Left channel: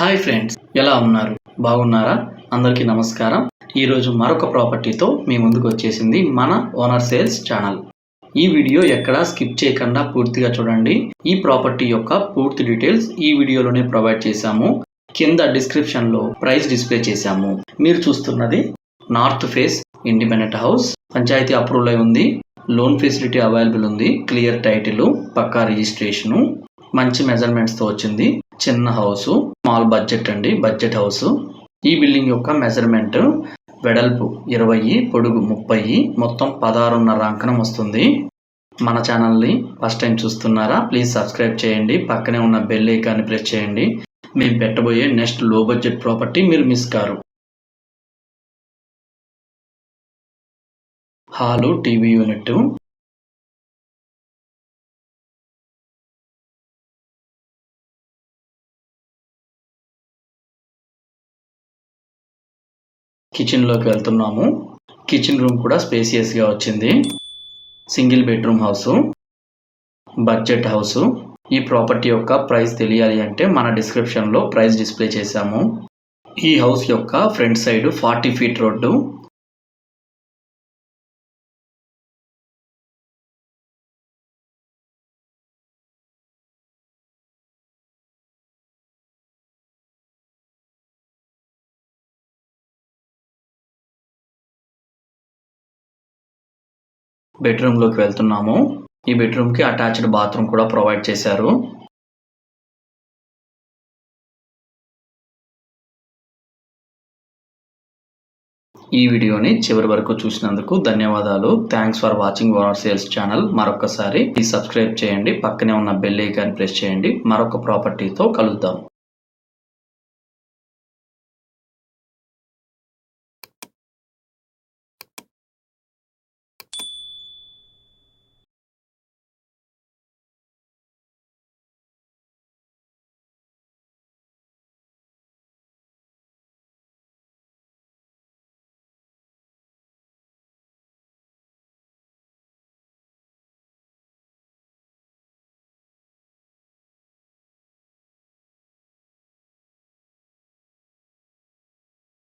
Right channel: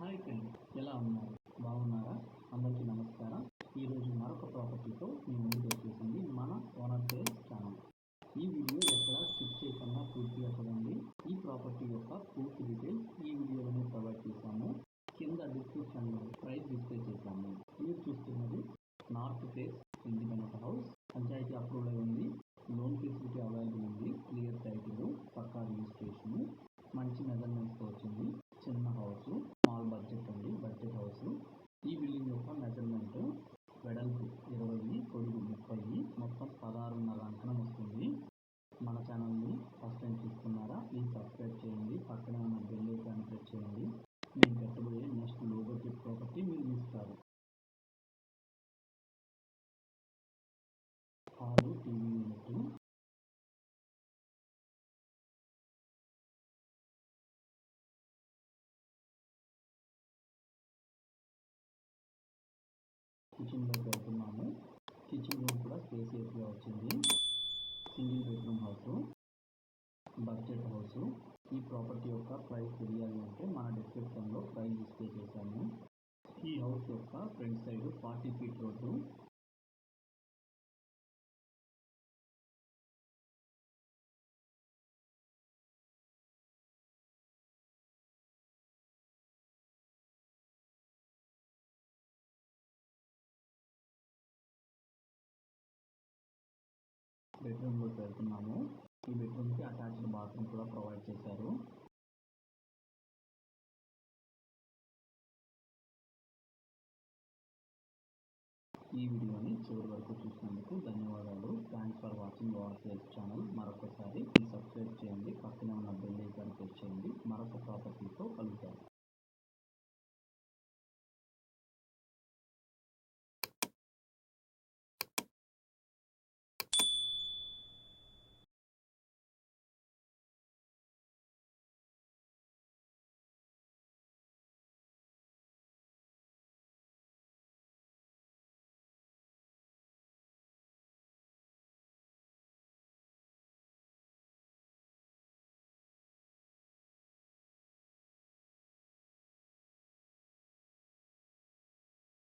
Hi friends, ఎలా ఉన్నారు? బాగున్నారా? అందరికీ నమస్కారం. ఈరోజు మరొక ప్రాపర్టీతో మీ ముందుకు వచ్చేసింది మన ఓనర్ సేల్స్ ఛానల్. ఈ వీడియో ఎక్కడా స్కిప్ చేయకుండా పూర్తిగా చూడండి. ఈ ప్రాపర్టీ యొక్క పూర్తి డీటెయిల్స్ ఈ వీడియోలోనే ప్రొవైడ్ చేశాము. కింద డిస్క్రిప్షన్లో ప్రైస్ డిస్ప్లే చేశాము. మీరు చూస్తున్నది north face independent house. Panchayat approval అయి ఉంది. లోన్ ఫెసిలిటీ అవైలబుల్ ఉంది. క్లియర్ టైటిల్, పక్కా రిజిస్ట్రేషను, మంచి మెజర్మెంట్స్తో వచ్చింది. చిన్న హౌస్, స్మాల్ బడ్జెట్ అండి, బడ్జెట్ హౌస్. ఈ బిల్డింగ్ యొక్క మెజర్మెంట్ వెడల్పు 20, పొడుగు 30, మొత్తం 16.5 అంకణం వస్తుంది. మన ఛానల్ని ఫస్ట్ టైం చూస్తున్నారా? ప్లీజ్ సబ్స్క్రైబ్ చేయండి. పక్కనే ఉన్న బెల్ ఐకాన్ని ప్రెస్ చేయండి. మేము పెట్టబోయే నెక్స్ట్ లో బడ్జెట్ ప్రాపర్టీ మీరు miss car. Hall, TV unit, కిచెన్లోకి వెళ్తున్నాము. కిచెన్ రూమ్ కూడా స్పేసియస్గా వచ్చింది. Single bedroom house, budget house. ఈ ప్రాపర్టీ యొక్క ప్రైస్ తెలియాలి అంటే మన డిస్క్రిప్షన్లో ప్రైస్ డిస్ప్లే చేశాము. ఈ హౌస్ యొక్క ఫ్రంట్ సైడ్ 40 ఫీట్ రోడ్డు. బెడ్రూమ్లోకి వెళ్తున్నాము. ఈ బెడ్రూమ్కి అటాచ్డ్ బాత్రూమ్ కూడా ప్రొవైడ్ చేశారు. ఈ వీడియోని చివరి వరకు చూసినందుకు ధన్యవాదాలు. Thanks for watching owner sales channel. మరొకసారి ప్లీజ్ సబ్స్క్రైబ్ చేయండి. పక్కనే ఉన్న బెల్ ఐకాన్ ప్రెస్ చేయండి. మరొక ప్రాపర్టీతో కలుద్దాం.